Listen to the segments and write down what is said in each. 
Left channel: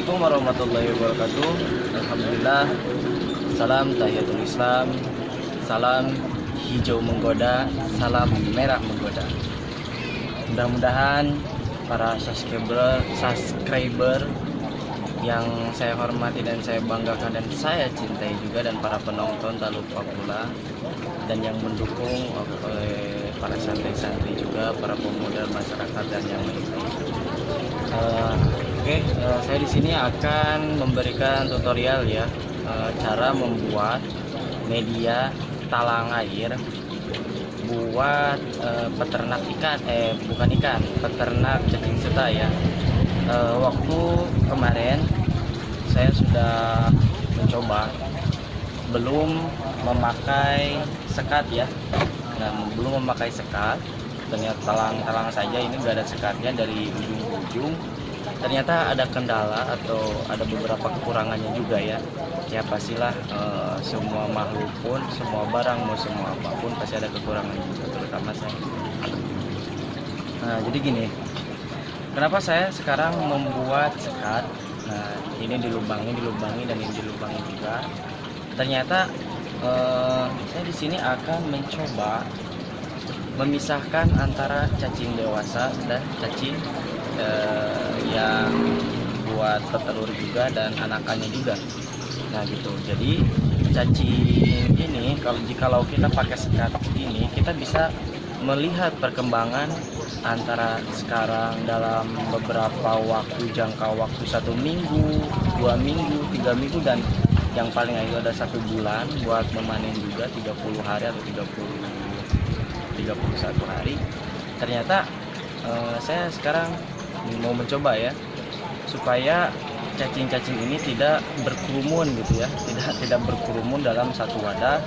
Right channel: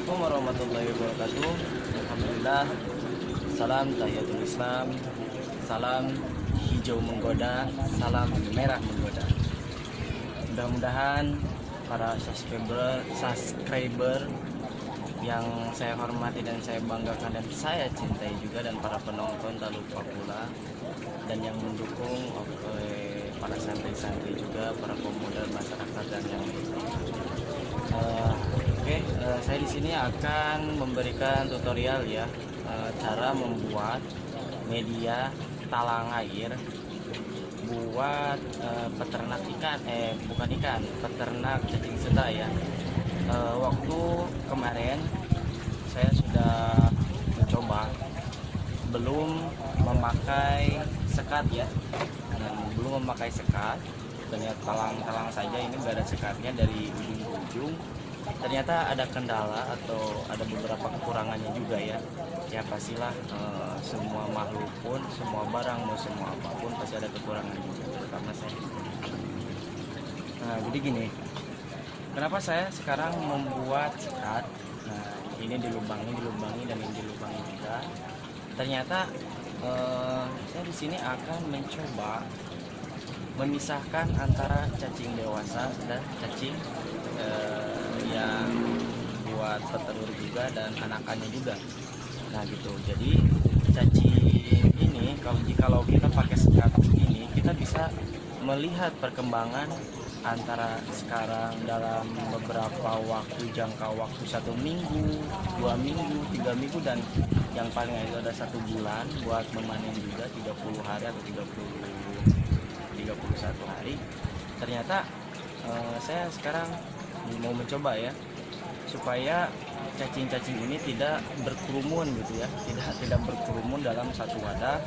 Assalamualaikum warahmatullahi wabarakatuh. Alhamdulillah. Salam tahiyatul Islam. Salam hijau menggoda, salam merah menggoda. Mudah-mudahan para subscriber yang saya hormati dan saya banggakan dan saya cintai juga, dan para penonton tak lupa pula, dan yang mendukung oleh para santri-santri juga, para pemuda masyarakat dan yang lainnya. Saya di sini akan memberikan tutorial ya, cara membuat media talang air buat peternak ikan, peternak cacing sutra ya. Waktu kemarin saya sudah mencoba, belum memakai sekat ya, dan belum memakai sekat, ternyata talang saja, ini gak ada sekatnya dari ujung ke ujung. Ternyata ada kendala atau ada beberapa kekurangannya juga ya. Ya pastilah, semua makhluk pun, semua barang, mau semua apapun pasti ada kekurangan juga, terutama saya. Nah jadi gini, kenapa saya sekarang membuat sekat? Nah ini dilubangi dan ini dilubangi juga. Ternyata saya di sini akan mencoba memisahkan antara cacing dewasa dan cacing yang buat petelur juga dan anakannya juga. Nah gitu. Jadi cacing ini kalau kita pakai sekat ini, kita bisa melihat perkembangan antara sekarang dalam beberapa waktu, jangka waktu 1 minggu, 2 minggu, 3 minggu, dan yang paling itu ada 1 bulan buat memanen juga, 30 hari atau 31 hari. Ternyata saya sekarang mau mencoba ya, supaya cacing-cacing ini tidak berkerumun gitu ya, tidak berkerumun dalam satu wadah.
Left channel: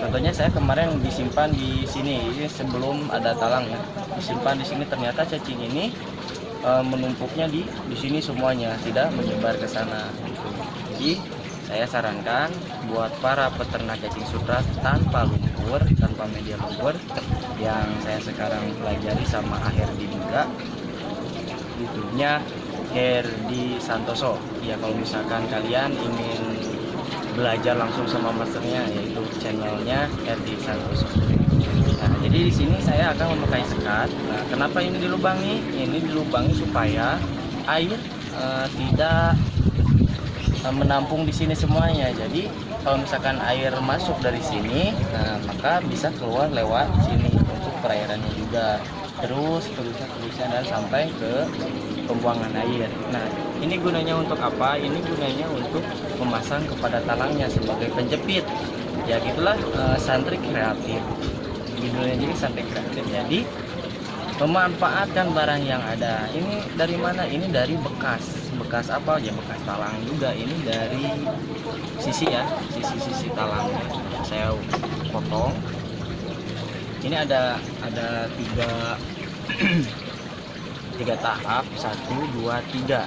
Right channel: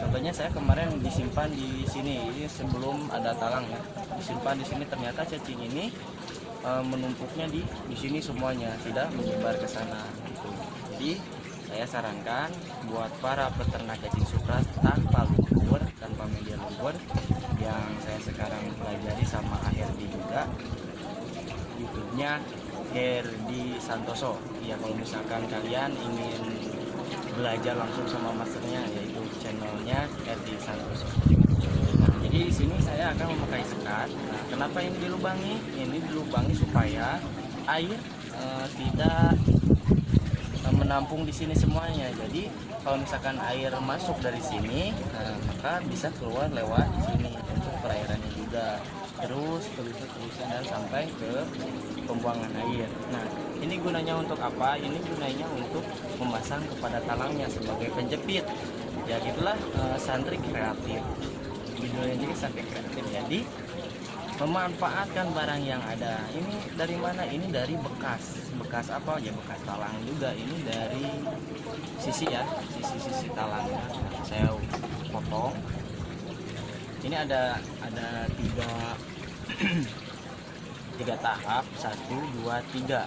Contohnya saya kemarin disimpan di sini, ini sebelum ada talang ya, disimpan di sini. Ternyata cacing ini menumpuknya di sini semuanya, tidak menyebar ke sana gitu. Jadi saya sarankan buat para peternak cacing sutra tanpa lumpur, tanpa media lumpur, yang saya sekarang pelajari sama Herdi juga, YouTube-nya Herdi Santoso ya. Kalau misalkan kalian ingin belajar langsung sama masternya, yaitu channelnya Herdi Santoso. Nah jadi di sini saya akan memakai sekat. Nah kenapa ini dilubangi? Ini dilubangi supaya air tidak menampung di sini semuanya. Jadi kalau misalkan air masuk dari sini, nah maka bisa keluar lewat sini untuk perairannya juga, terusnya dan sampai ke pembuangan air. Nah ini gunanya untuk apa? Ini gunanya untuk memasang kepada talangnya sebagai penjepit ya. Gitulah, santri kreatif, judulnya juga santri kreatif. Jadi memanfaatkan barang yang ada. Ini dari mana? Ini dari bekas apa ya, bekas talang juga. Ini dari sisi ya, sisi talangnya saya potong. Ini ada tiga tahap, 1, 2, 3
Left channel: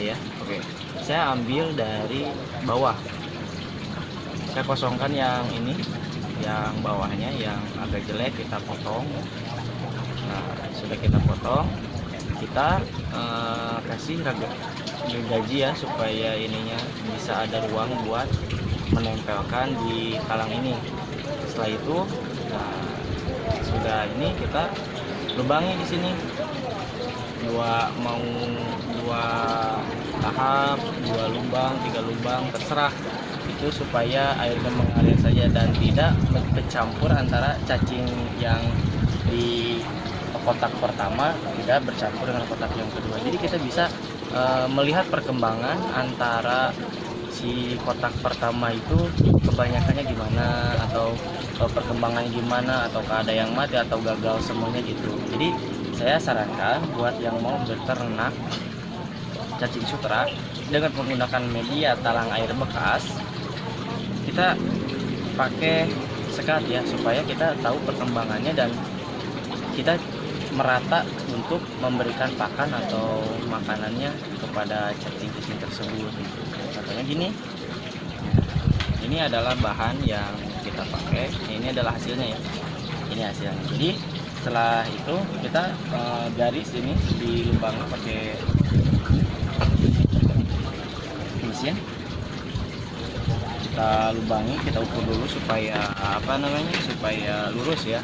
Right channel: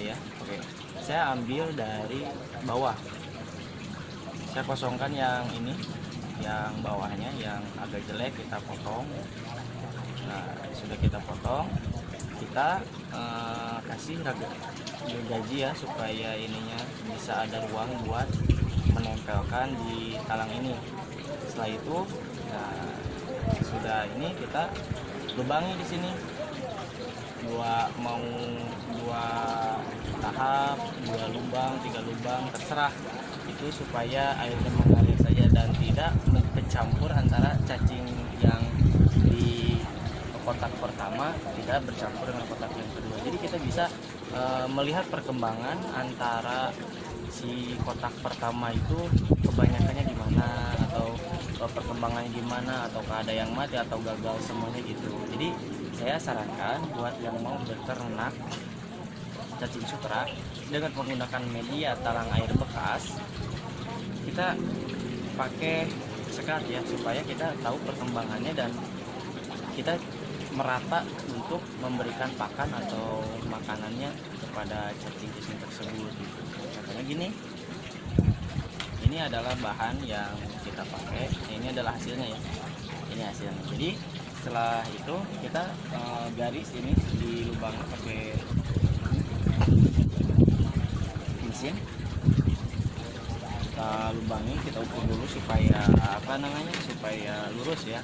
ya. Oke, saya ambil dari bawah, saya kosongkan yang ini, yang bawahnya yang agak jelek kita potong. Nah sudah kita potong, kita kasih gaji ya, supaya ininya bisa ada ruang buat menempelkan di talang ini. Setelah itu, nah sudah ini kita lubangi di sini dua tahap, 2 lubang, 3 lubang, terserah itu, supaya airnya mengalir saja dan tidak bercampur antara cacing yang di kotak pertama tidak bercampur dengan kotak yang kedua. Jadi kita bisa melihat perkembangan antara si kotak pertama itu kebanyakannya gimana, atau perkembangannya gimana, atau ada yang mati atau gagal semuanya gitu. Jadi saya sarankan buat yang mau beternak cacing sutra dengan menggunakan media talang air bekas, kita pakai sekat ya, supaya kita tahu perkembangannya dan kita merata untuk memberikan pakan atau makanannya kepada cacing-cacing tersebut gitu. Contohnya gini, ini adalah bahan yang kita pakai, ini adalah hasilnya ya, ini hasilnya. Jadi setelah itu kita garis ini di lubangnya pakai mesin, kita lubangi, kita ukur dulu supaya supaya lurus ya.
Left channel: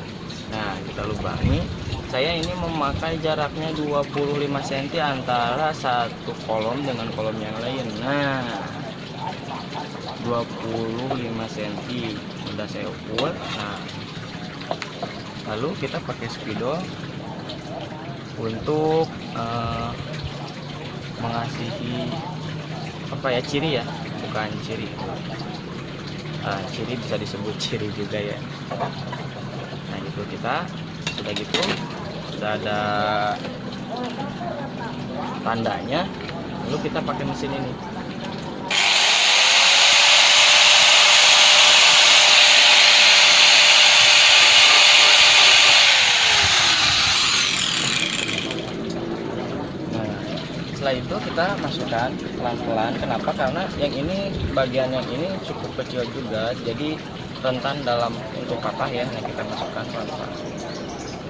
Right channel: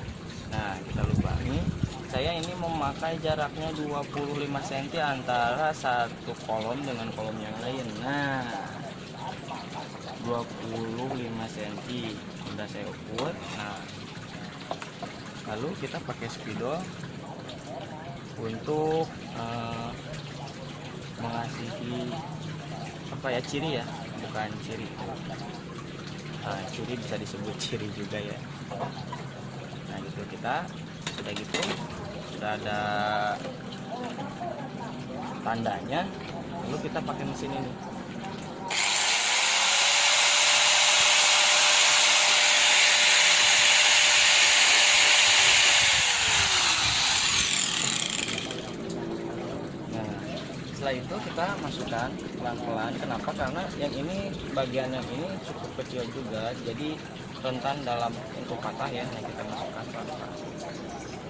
Nah, kita lubangi. Saya ini memakai jaraknya 25 cm antara satu kolom dengan kolom yang lain. Nah, 25 cm udah saya ukur. Nah, lalu kita pakai spidol untuk mengasihi ciri ya, bukan ciri. Ciri bisa disebut ciri juga ya. Nah, itu kita sudah gitu, sudah ada tandanya, lalu kita pakai mesin ini. Setelah itu kita masukkan pelan-pelan. Kenapa? Karena yang ini, bagian yang ini cukup kecil juga, jadi rentan dalam untuk patah ya. Nah, kita masukkan pelan-pelan.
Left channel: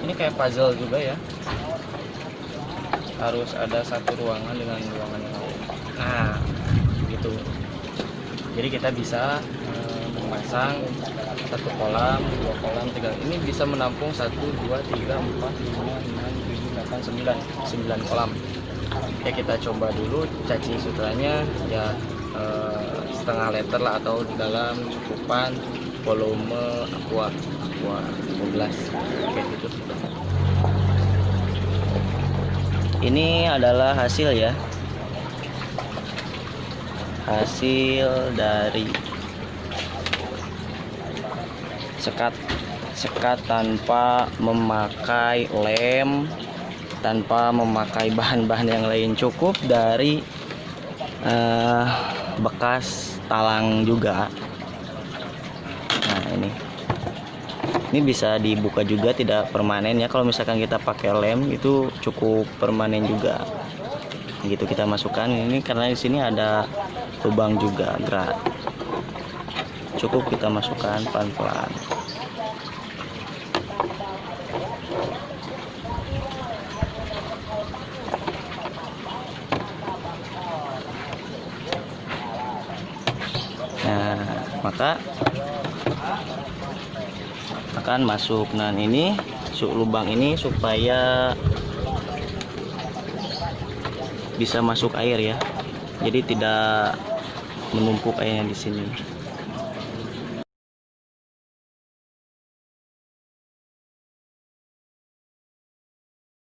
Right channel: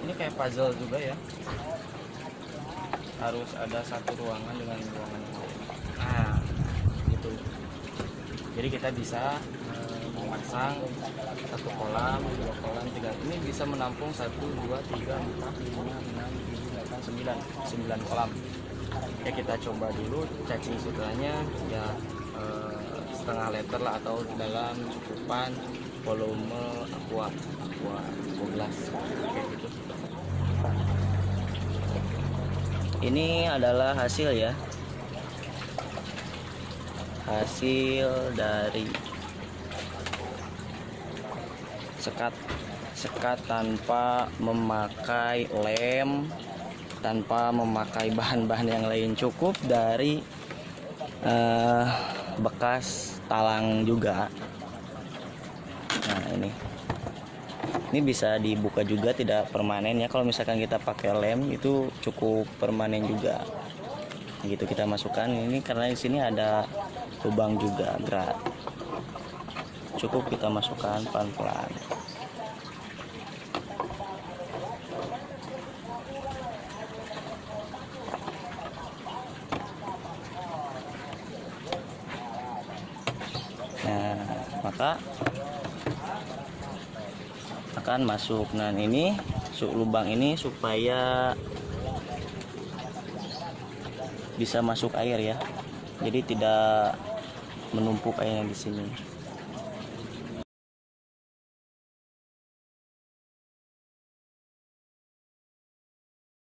Ini kayak puzzle juga ya, harus ada satu ruangan dengan ruangan yang lain. Nah, gitu. Jadi kita bisa memasang satu kolam, dua kolam, tiga. Ini bisa menampung 1, 2, 3, 4, 5, 6, 7, 8, 9 kolam. Ya, kita coba dulu cacing sutranya ya, setengah liter lah, atau dalam cukupan volume aqua 12 kayak gitu. Ini adalah hasil ya, hasil dari sekat tanpa memakai lem, tanpa memakai bahan-bahan yang lain, cukup dari bekas talang juga. Nah, ini bisa dibuka juga, tidak permanen ya. Kalau misalkan kita pakai lem itu cukup permanen juga. Gitu, kita masukkan ini karena di sini ada lubang juga, gerak. Cukup kita masukkan pelan-pelan. Nah, maka akan masuk. Nah, ini lubang ini supaya bisa masuk air ya, jadi tidak menumpuk airnya di sini.